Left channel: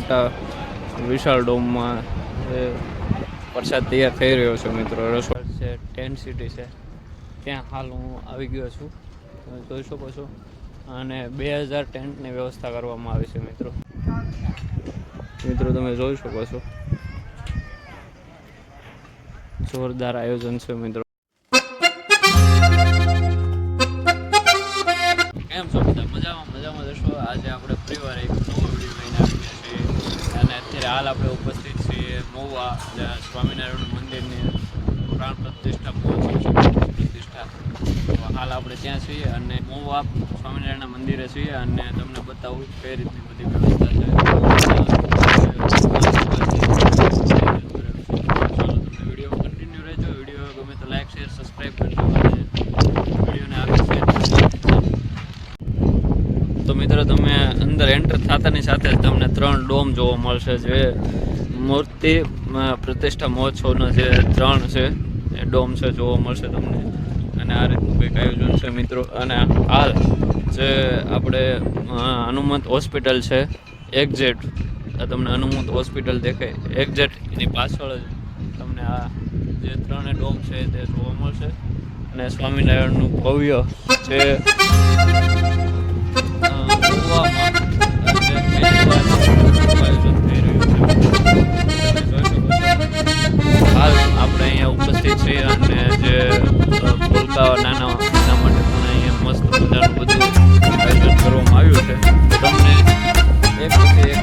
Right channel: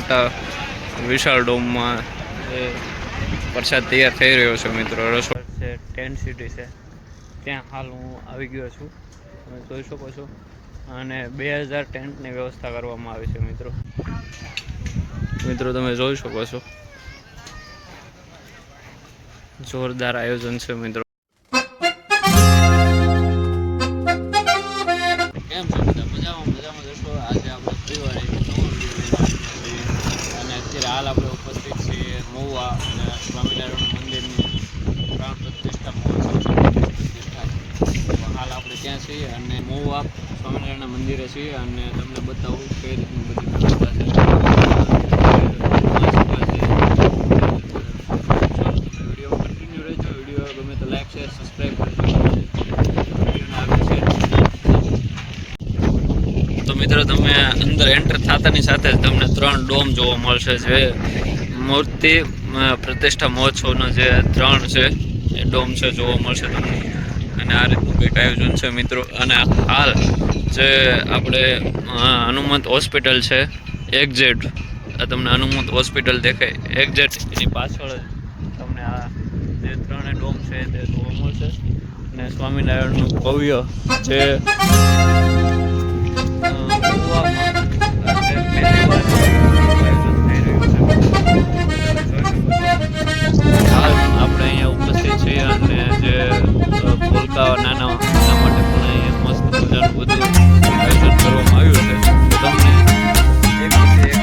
મોટા વિશાળ ડોમમાં એ પ્રસાદ તૈયાર થઈ રહ્યો છે મિત્રો. રસોડ છે, ટેન્ટ સિટી છે, ત્યાં હાલ હું આવી ગયો છું, તમે જોઈ શકો છો. અને 2000 ટેન્ટની વ્યવસ્થા કરવામાં આવી છે મિત્રો. તમે જોઈ શકો છો, જોરદાર આયોજન છે મિત્રો. કેમ છો બધા? મજામાં જશો. આજે આપણે ફરીવાર એક નવો વિડીયો લઈને આવ્યા છીએ અને અત્યારે હાલ આપણે ઉપસ્થિત છીએ મહુવા સ્વામિનારાયણ મંદિરની પ્રાણ પ્રતિષ્ઠા મહોત્સવ છે, પ્રતિષ્ઠા. તો હાલ આપણે ત્યાં છીએ અને મહુવા સ્વામિનારાયણના મંદિરે છીએ અને તમને બતાવું કઈ રીતની બધી વ્યવસ્થા છે. વિડીયો કન્ટિન્યુ રહેજો. વિડીયો ગમે તો લાઈક, શેર, સબસ્ક્રાઈબ કરજો. વિડીયોને આગળ શેર. તો મિત્રો તમે અંદર એન્ટર થતાની સાથે જ તમને 3 ડોમ જોવા મળશે, જે મૂર્તિ પ્રતિષ્ઠા મહોત્સવનો જે 3 છે એ ડોમ છે જોવા મળશે તમને. અને આ રીતનું કંઈક આયોજન છે મિત્રો. અને હાલ જે આપણે હનુમંત હોસ્પિટલ છે, એક્ઝેટ તમને હનુમંત હોસ્પિટલ દેખાય, એક્ઝેટ એની પાછળ જ તમને આ જે 3 ડોમ છે તે જોવા મળશે. અને સ્વામિનારાયણનું ભવ્ય જે હાલ આપણે અહીંયા ઉપસ્થિત છીએ અને જે ભૂલકાઓ નાના એના માટે પણ અહીંયા મસ્ત મજાનું બધું આયોજન કરવામાં આવ્યું છે. તમને એક પછી એક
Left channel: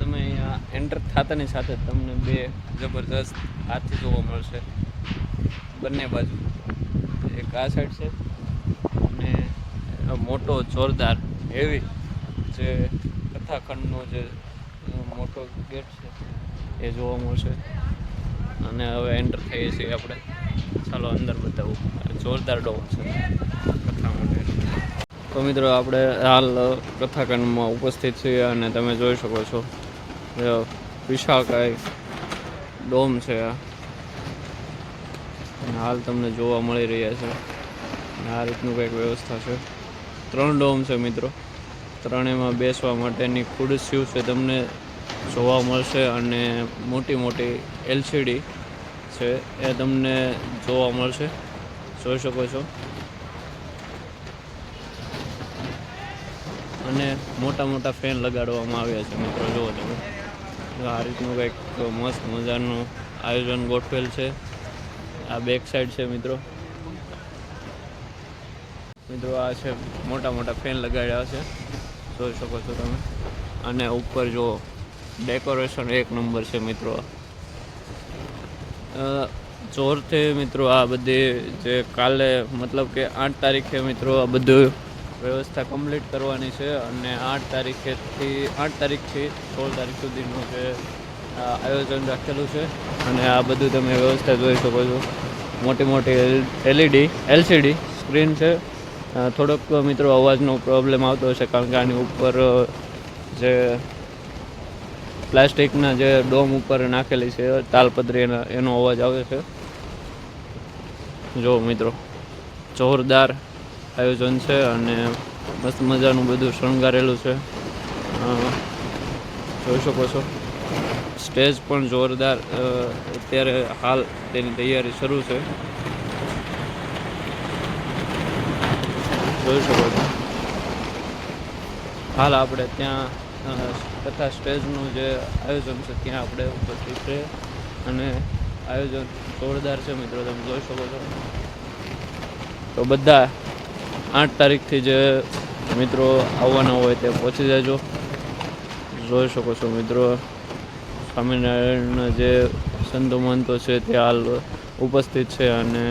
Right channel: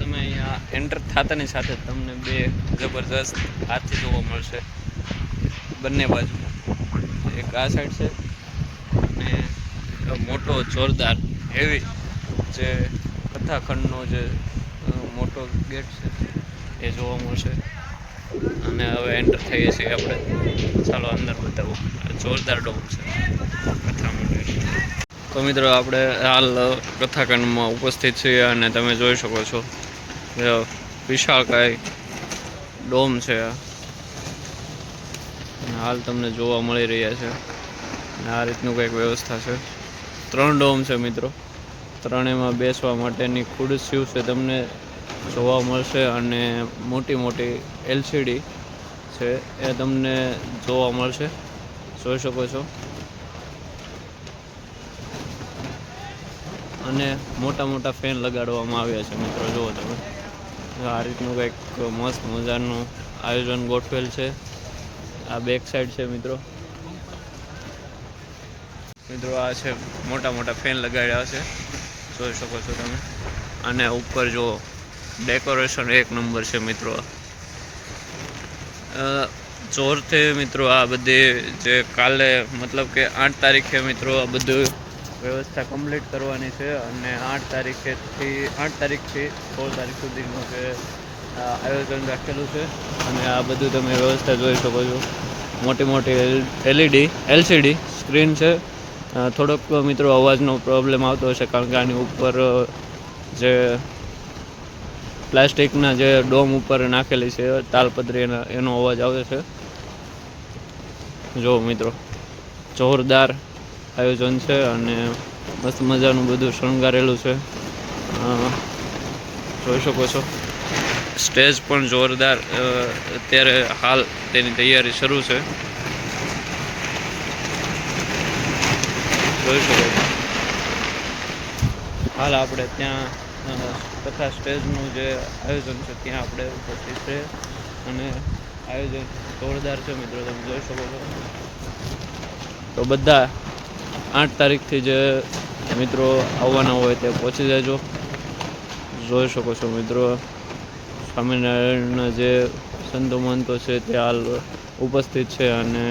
તમે અહીંયા એન્ટર થતાની સાથે તમને 2 જબરજસ્ત હાથી જોવા મળશે બંને બાજુ. એક આ સાઈડ છે અને મોટો જોરદાર હેવી જે કથાખંડનો જે મોટો ગેટ છે એ જોવા મળશે. અને હવે એન્ટર થઈએ છીએ આપણે. ચાલો અંદર બતાવું. જોરદાર ડોમ છે કથા મંદિર. તો મિત્રો આપણે હાલ કથાખંડમાં ઉપસ્થિત છીએ અને તમે જોઈ શકો છો વિશાળકાય ડોમ છે આ. હાલ તમને જોવા મળી રહ્યા છે. અને આ રીતનું કંઈક વ્યવસ્થા છે. 3 ડોમ છે મિત્રો. 3એમાં બેસવા માટેની ખુરશીઓ છે તમને જોવા મળશે અને મોટી LCD છે એ તમને જોવા મળશે, જોઈ શકો છો. અને મોટા ફેન લગાડવામાં આવ્યા છે મિત્રો. જુઓ તમે, આ રીતનું કંઈક મસ્ત મજાનું આયોજન ગોઠવેલ છે. આ બેક સાઈડ છે મિત્રો. આ છે મોટા ફેન લગાડ્યા છે, જોઈ શકો છો તમે. અને ઉપર જો ડેકોરેશન 1 નંબર છે મિત્રો. જોરથી મિત્રો આ બધી જે કાલે મતલબ કે 8 તારીખે મિત્રો આ બધું વ્યવસ્થા કમ્પ્લીટ કરવાની છે. અને 8 તારીખથી 16 તારીખ સુધીનું જે આયોજન રાખેલું છે. અને આ બધું તમે વ્યવસ્થા જોઈ શકો છો. મોટી LCD સ્ક્રીન છે. થોડોક મિત્રો અવાજનો પ્રોબ્લેમ આવતો હશે કારણ કે આની ઉપર જે પ્લાસ્ટિકના જે ડોમ ઉપર નાખેલી છે તાલપત્રી એનો અવાજ આવે છે. જો મિત્રો જોરદાર આયોજન છે અને મસ્ત મજાનું બધું શણગારેલું છે, જોઈ શકો છો. સ્ટેજ પણ જોરદાર અત્યારે હાલ તેની તૈયારી શરૂ છે, જોઈ શકો છો. હાલ આપણે ત્યાં તથા સ્ટેજનું જે આયોજન છે ત્યાં આપણે ઉપસ્થિત છે અને આયોજન જોરદાર છે મિત્રો, તમે જોઈ શકો છો. તો બધા 8 તારીખથી જે મિત્રો આવવાના હોય તે પહોંચી જજો. જોઈ શકો છો મિત્રો, સ્વામિનારાયણના જે સંતો મહંતો છે તે હાલ ઉપસ્થિત છે અને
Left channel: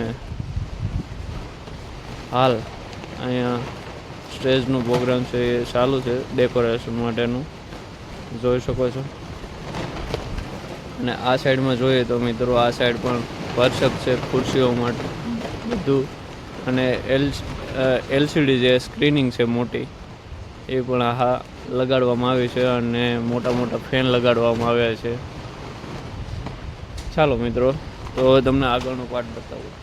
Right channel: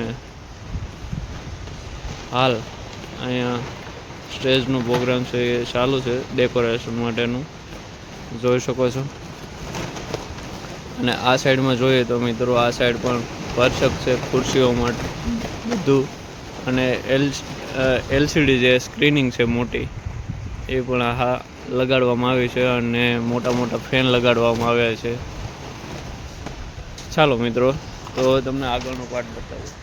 હાલ અહીંયા સ્ટેજનો પ્રોગ્રામ છે એ ચાલુ છે ડેકોરેશન માટેનું, જોઈ શકો છો. અને આ સાઈડમાં જોઈએ તો મિત્રો આ સાઈડ પણ સ્પર્શક છે ખુરશીઓ માટે બધું, અને એલસીડી જે સ્ક્રીનિંગ છે મોટી એ પણ લગાડવામાં આવી છે અને મોટા મોટા ફેન લગાડવામાં આવ્યા છે. ચાલો મિત્રો, તો તમને આગળનો પાર્ટ બતાવું.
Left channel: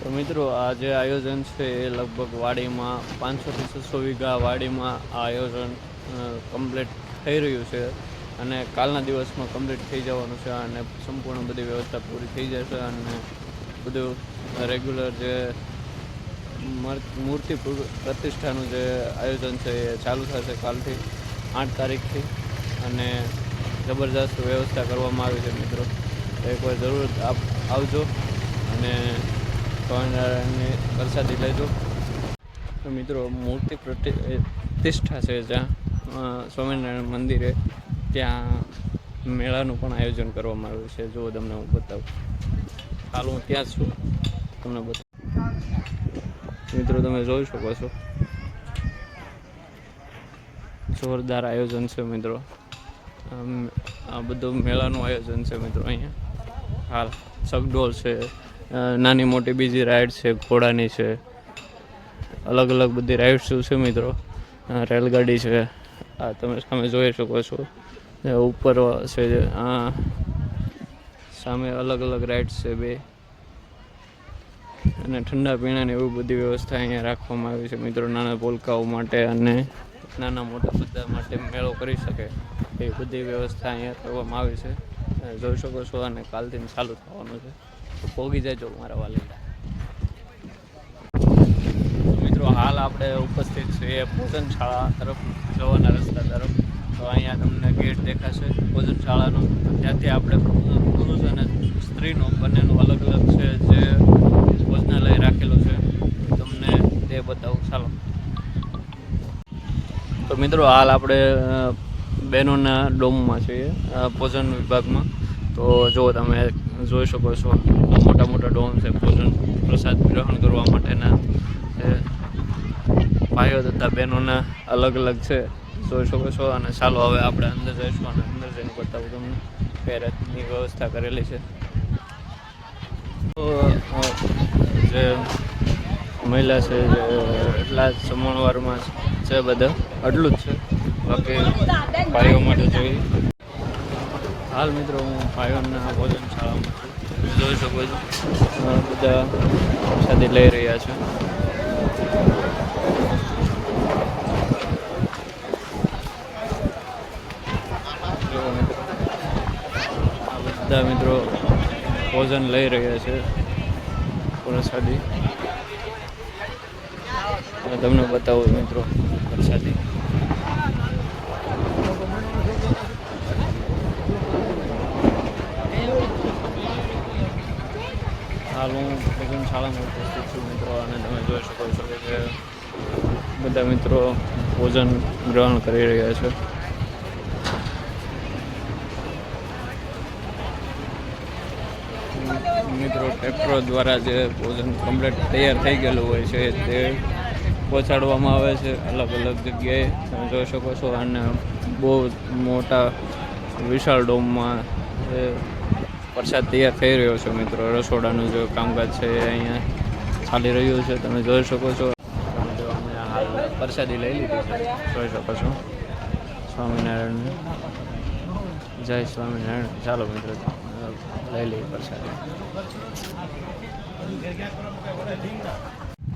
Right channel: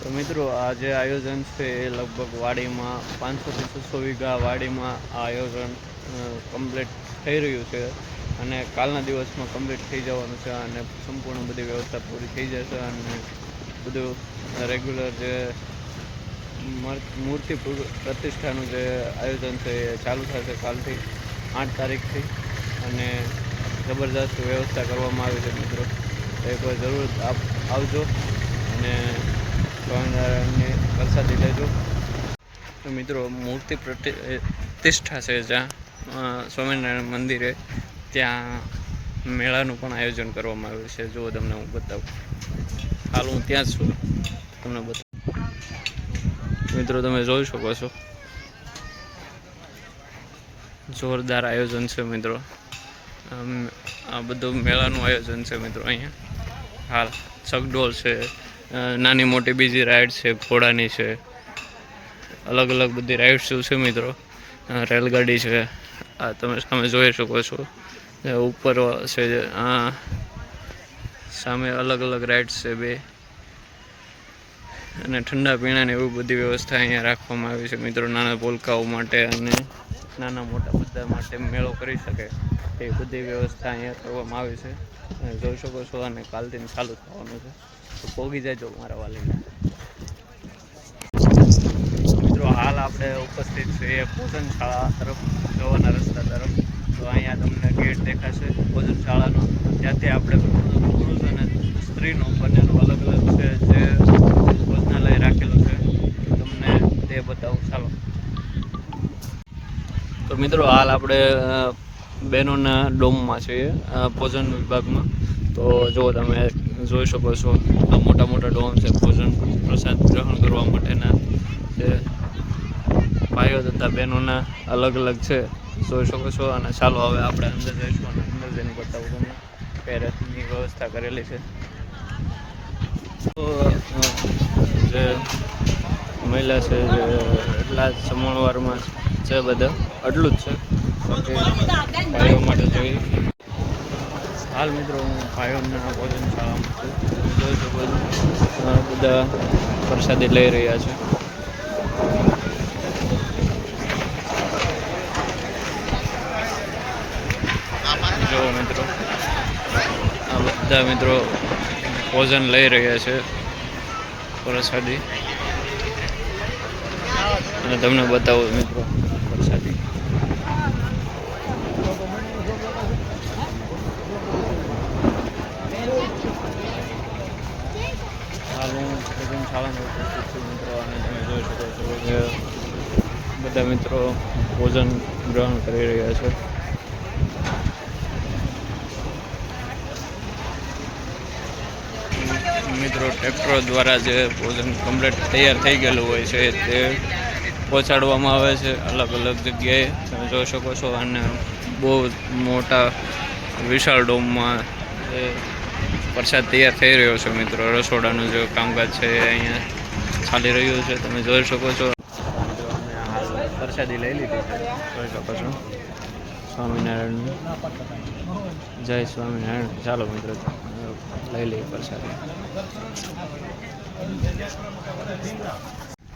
તો મિત્રો આ જે આયોજન છે એ લગભગ વાડીમાં 500 થી 600 વીઘા વાડીમાં આ આયોજન કમ્પ્લીટ થઈ રહ્યું છે અને કાલના દિવસમાં કમ્પ્લીટ થઈ જવાનું છે અને સંપૂર્ણ બધી વ્યવસ્થા પૂરી થઈ જશે અને બધું રેગ્યુલર જે મૂર્તિ પ્રતિષ્ઠાનું જે આયોજન છે એ ચાલુ થશે કાલથી 8 તારીખથી અને જબરદસ્ત વ્યવસ્થા કરવામાં આવી છે મિત્રો. એકવાર જરૂર આવજો અને સ્વામિનારાયણની પ્રસાદી લેજો. તો મિત્રો મૂર્તિ પ્રતિષ્ઠા છે જ્યાં સ્વામિનારાયણ મંદિરે, ત્યાં મેળાનું પણ આયોજન કરવામાં આવ્યું છે. જો તમને હું બતાવું, હાલ હું ત્યાં જ છું, તમને બતાવું. મિત્રો તમે જોઈ શકો છો, જોરદાર આયોજન છે મિત્રો. આ બધું મેળાનું આયોજન છે મિત્રો. અહીંયા હાલ ચકડોળ છે, નાની મોટી બીજી રાઈડ છે, ઘોડાની છે, અલગ અલગ બધી રાઈડ્સ છે મિત્રો. રેલગાડી છે, આ તમે સામે જોઈ શકો છો. ઉપર છે આ સામે અલગ અલગ રાઈડ્સ છે બે, અને ઠંડા પીણાની એવી બધી વ્યવસ્થા અહીંયા રાખવામાં આવી છે મિત્રો. નાના પોલકાઓ માટે અને નાના મોટા બધા માટે મેળો કરી શકે એ બધી વ્યવસ્થા અહીંયા કરવામાં આવી છે, જોઈ શકો છો. અને કાલથી ચાલુ થવાનું છે, તો પોગી જાય મારા વાલીના. મિત્રો હાલ આપણે ઉપસ્થિત છીએ ભોજનશાળા તરફ જવાના રસ્તા તરફ. તો અહીંયા તમને ગેટ દેખાશે ભોજનશાળાનો, ત્યાંથી આપણે પુરુષ અને સ્ત્રીનો બંનેનું અલગ અલગ છે જે ભોજનાલય રાખેલું છે, તમને તે બતાવું. ચાલો. તો મિત્રો હાલ આપણે બહેનોના ડોમમાં છીએ, ભોજન વિભાગમાં. તો જો તમે જોઈ શકો છો, આ મોટા મોટા ડોમ છે ભોજન પ્રસાદ ગ્રહણ કરવા માટેના છે. ભાઈઓ તથા બહેનોના અલગ અલગ છે, જોઈ શકો છો. અને ચાલો હવે આપણે અંદર જઈશું અને અંદર જઈને બતાવું તમને કઈ રીતની વ્યવસ્થા કરેલી છે. તો જે મહિલા છે જે એટલા જમણવારમાં છે બધા, આટલું જ છે. બાકી ભાઈઓ માટે જોઈએ. હાલ મિત્રો હું ભાઈઓના ભોજનશાળામાં છું, જોઈ શકો છો બધા પ્રસાદી લઈ રહ્યા છે. જો મિત્રો આ બધા મિત્રો ભોજન લઈ રહ્યા છે પ્રસાદી, અને તમને બતાવું મિત્રો પ્રસાદી. હાલ હું ભોજનશાળામાં ઉપસ્થિત છું મિત્રો, અને તમે જોઈ શકો છો કે બધા મિત્રો ભોજન ગ્રહણ કરી રહ્યા છે. મિત્રો ટ્રેક્ટરો દ્વારા જે ભોજન કમ્પ્લીટ તૈયાર થઈ ગયેલું હોય છે તે પહોંચાડવામાં આવે છે અલગ અલગ જગ્યાએ, તમે જોઈ શકો છો. અને બહુ મોટા વિશાળ ડોમમાં એ પ્રસાદ તૈયાર થઈ રહ્યો છે મિત્રો. રસોડાનું જે કામકાજ છે એ અહીંયા ચાલી રહ્યું છે, તમે જોઈ શકો છો. મિત્રો અમે હાલ પ્રસાદી લઈ લીધી છે, જોઈ શકો છો. સ્વામિનારાયણ, જય સ્વામિનારાયણ. ચાલો મિત્રો લઈ લઈએ પ્રસાદી.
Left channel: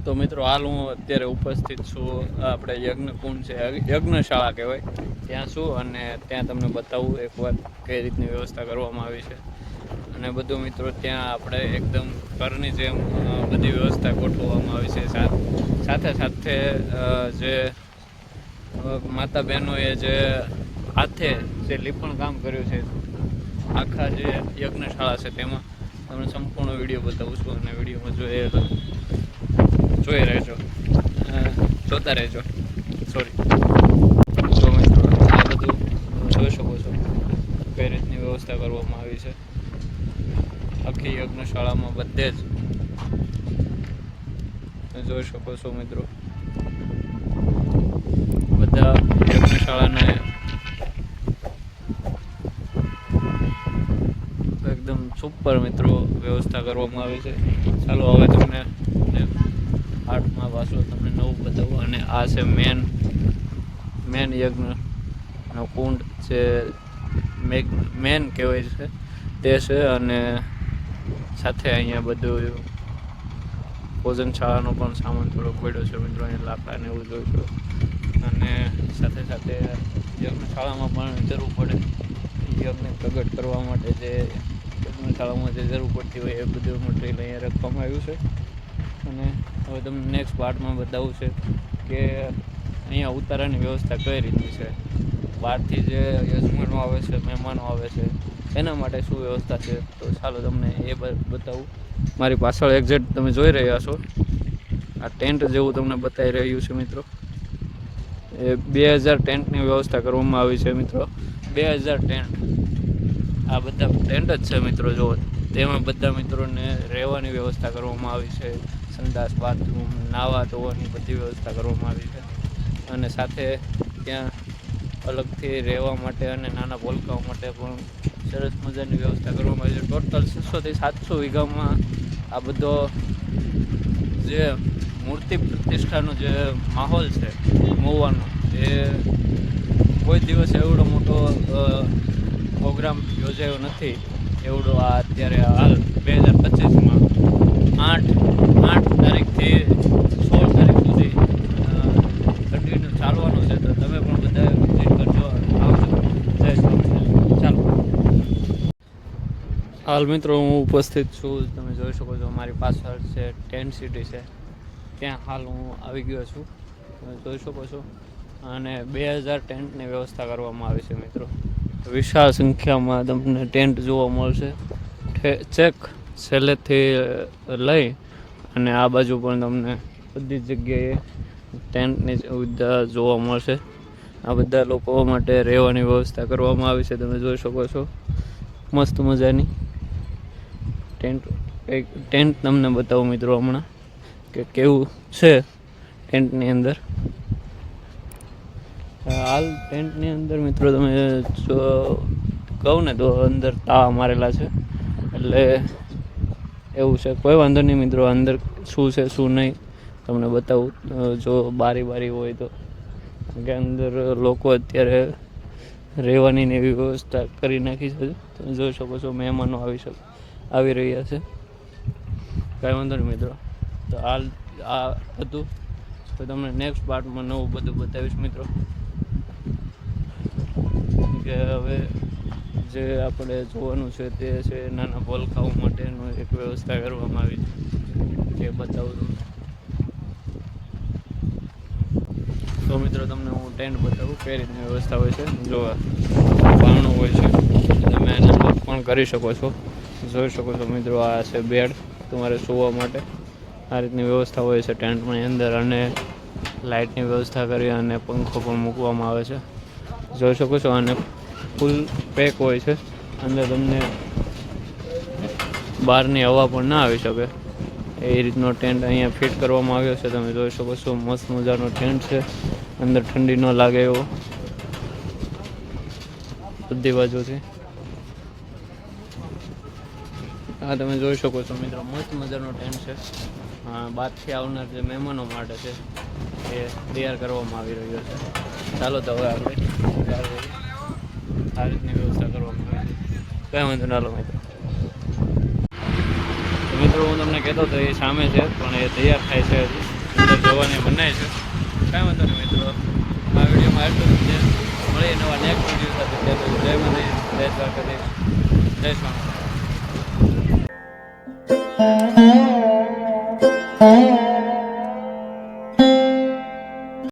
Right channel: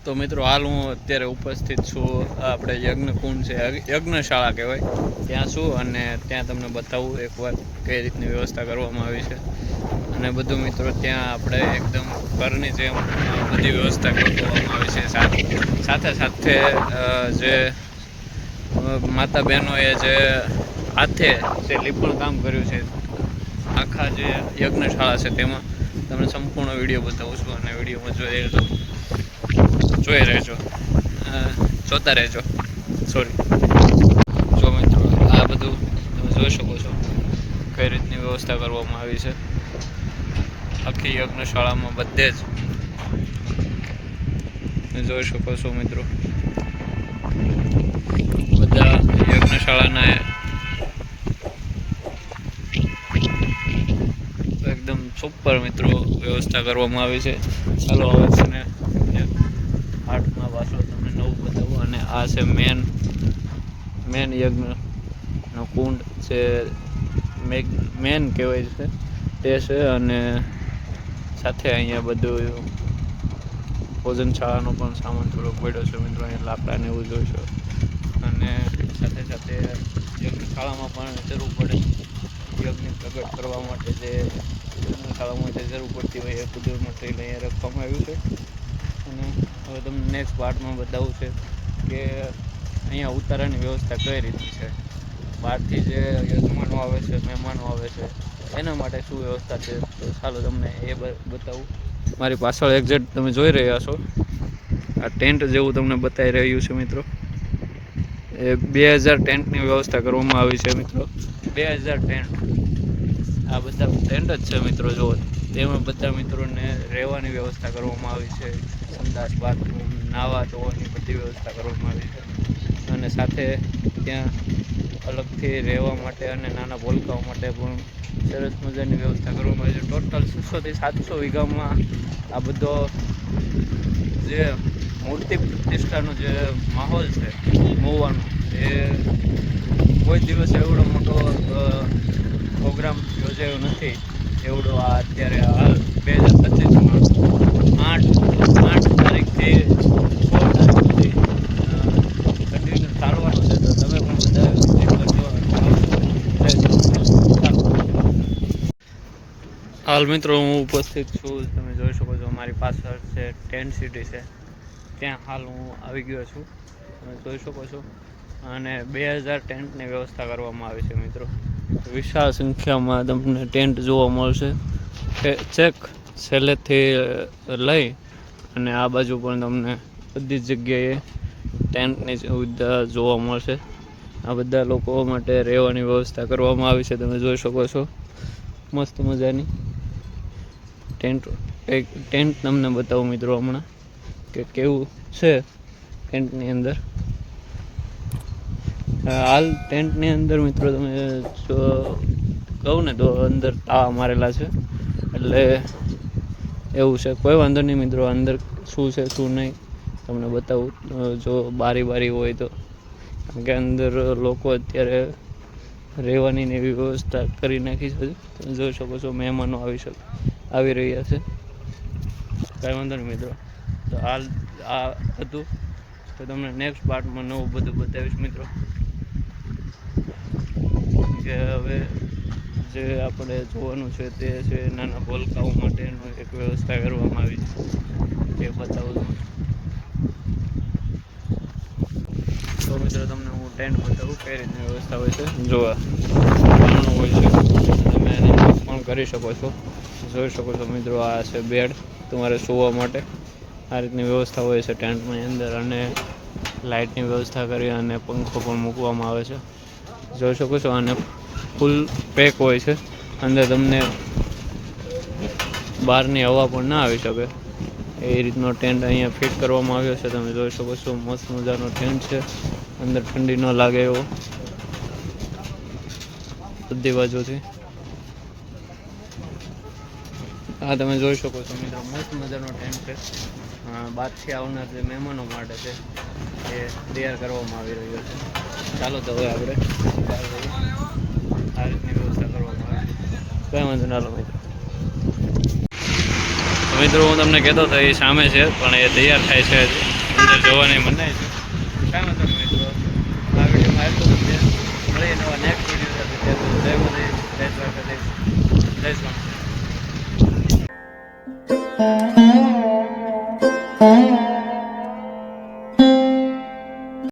તો મિત્રો હાલ હું અત્યારે ઉપસ્થિત છું આપણે યજ્ઞકુંડ છે, યજ્ઞશાળા કહેવાય, ત્યાં છું. અને ત્યાં તમને બતાવું એકવાર કઈ રીતની વ્યવસ્થા કરવામાં આવી છે અને બધું મિત્રો. ત્યાં આપણે એકદમ ઘરની જેમ બધી વ્યવસ્થા કરવામાં આવી છે. સાથે સાથે જે માતા બહેનોએ જે હાથે જે લીપણ કામ કર્યું છે આખા જે યજ્ઞશાળા છે તેમાં તમને સંપૂર્ણ વિડીયો બતાવું છું, અને વિડીયોમાં જોતા રહેજો. સોરી. જો મિત્રો આ વ્યવસ્થા કરવામાં આવી છે આખી યજ્ઞશાળામાં બધે જ જોઈ શકો છો મિત્રો. બધા યજ્ઞશાળાના એકદમ સુપર મિત્રો વ્યવસ્થા કરવામાં આવી છે. ચાલો હવે તમને આર્ટમાં પાછો તમને નવું બતાવું. અને આ છે મેન યજ્ઞનો કુંડ છે, મેન કહેવાય છે તે છે. અને સાથે અહીંયા બધું ભોજનશાળાનો પણ સામાન થોડોક પડ્યો છે મિત્રો. અહીંયા લાકડાને એવું જોઈશું. અને સાથે સાથે યજ્ઞશાળામાં પણ જરૂર પડે યજ્ઞ પ્રગટ કરવા માટે જે યજ્ઞશાળામાં જે જરૂર પડતી હોય એ બધું મટીરિયલ અહીંયા રાખવામાં આવ્યું છે. અને હવે તમને નેક્સ્ટ પાર્ટમાં બતાવવું છે કે અહીંયા ઉતારાની વ્યવસ્થા કઈ રીતની છે, બહારથી જે યજમાનો આવે છે, મહેમાનો આવે છે, એના માટે શું વ્યવસ્થા છે. તો ચાલો તમને એ બતાવું. મારી પાછળ એક્ઝેક્ટ તમે જોઈ રહ્યા છો આ ટેન્ટ જેવું તમને બતાવી રહ્યું છે મિત્રો. એ 2000 ટેન્ટની વ્યવસ્થા કરવામાં આવી છે મિત્રો. 2000 ટેન્ટ, આ બધા ટેન્ટ જ છે મિત્રો. જો તેમાં બધા મિત્રોને રહેવાની વ્યવસ્થા કરવામાં આવી છે. સંડાસ, બાથરૂમ, નાહવા ધોવાની બધી વ્યવસ્થા કરવામાં આવી છે. અને સાથે ત્યાં અલગથી રહેવા માટે અને નાના ભોલકાઓ માટે પણ સરસ મજાની વ્યવસ્થા કરવામાં આવી છે. ટોટલ 600 થી 700 વીઘામાં આ બધો જે મૂર્તિ પ્રતિષ્ઠાનો જે માહોલ છે મહુવાનો, એ કોઈ દિવસ એવડો મોટો પ્રોગ્રામ યોજાયો નથી એવડો આ અત્યારે હાલ 2025માં 8 તારીખથી 16 તારીખ સુધી કન્ટિન્યુ ચાલવાનું છે. તો તમે પણ બધા વિઝિટ કરજો, આવજો. ચાલો હાલ મિત્રો હું ઉપસ્થિત છું. તમે જોઈ શકો છો મારી પાછળ છે ટેન્ટ સિટી છે, ત્યાં હાલ હું આવી ગયો છું. તમે જોઈ શકો છો. અને 2000 ટેન્ટની વ્યવસ્થા કરવામાં આવી છે મિત્રો. વિશાળ સંખ્યામાં તમને ટેન્ટ જોવા મળશે. ચેક છેલ્લેથી લઈ અને આ બાજુ પણ તમને બધી જ જગ્યાએ ટેન્ટની સુવિધા જોવા મળશે. આ બધા લોકો માટે રહેવાની વ્યવસ્થા કરવામાં આવી છે. તમે જોઈ શકો છો મસ્ત મજાની ટેન્ટ તમને બતાવું મિત્રો હમણાં કે કેવું છે ટેન્ટની અંદર. હાલ ટેન્ટની અંદર મિત્રો તમે કહું ને તો અંદર તાળા મારેલા છે, એટલે એવું છે. કોઈ વાંધો નહીં મિત્રો, અંદર શું છે શું નહીં તમને બતાવું. જો બારી હોય તો, કારણ કે અંદર લોકો અત્યારે રહેવાની ને એવી વ્યવસ્થા કરી નાખી છે. તમે જોઈ શકો છો મહેમાનો આવી રહ્યા છે. કાંઈ વાંધો નહીં મિત્રો. તો હાલ આ હતું. તો તમને નેક્સ્ટ પાર્ટમાં નવું બધું બતાવીશ મિત્રો. કે હવે જે આપણે જોવાનું છે તે છે નાના ભોલકાઓ માટેનું એક વ્યવસ્થા કરવામાં આવી છે, તે બતાવું તમને. તો મિત્રો તમને હું ટેન્ટ બતાવું કઈ રીતની વ્યવસ્થા હોય છે. જોવા બારણું હોય છે, તમે એને પણ કરી શકો છો. જોઈ શકો છો મિત્રો આ છે બેડ તમારે સૂવા માટે. આ રીતની વ્યવસ્થા હોય છે ટેન્ટની અંદર. અને લાઇટની વ્યવસ્થા કરી અને પંખો પણ મૂકવામાં આવે છે. જોઈ શકો છો. અને ફૂલ પેક હોય છે અંદર, તમને બહારની હવા પણ ના આવી શકે એ રીતનો ટેન્ટ અહીંયા ફિટ કરવામાં આવ્યો છે. તમે જોઈ શકો છો મસ્ત મજાનો ટેન્ટ છે. અંદર ઠંડી ન લાગે એવો બધી બાજુથી. હા તમે જોઈ શકો છો મિત્રો મસ્ત મજાનો ટેન્ટ છે. બહારથી આવનાર જે મહેમાનો માટે છે એ તૈયાર કરવામાં આવી રહ્યો છે. ચાલો તો હવે આપણે આ રીતની વ્યવસ્થા કરવામાં આવે છે. કંઈ વાંધો ના લો મિત્રો. તો મિત્રો હું તમને કહેતો હતો એ સામે છે, પણ એ તૈયાર થાય છે હજી. અંદર જવાની મનાઈ છે. કાંઈ વાંધો નહીં મિત્રો. આ વિડીયોમાં એટલું જ છે. મળીએ નવા નેક્સ્ટ વિડીયો સાથે. જય માતાજી, જય દ્વારકાધીશ, જય સ્વામી.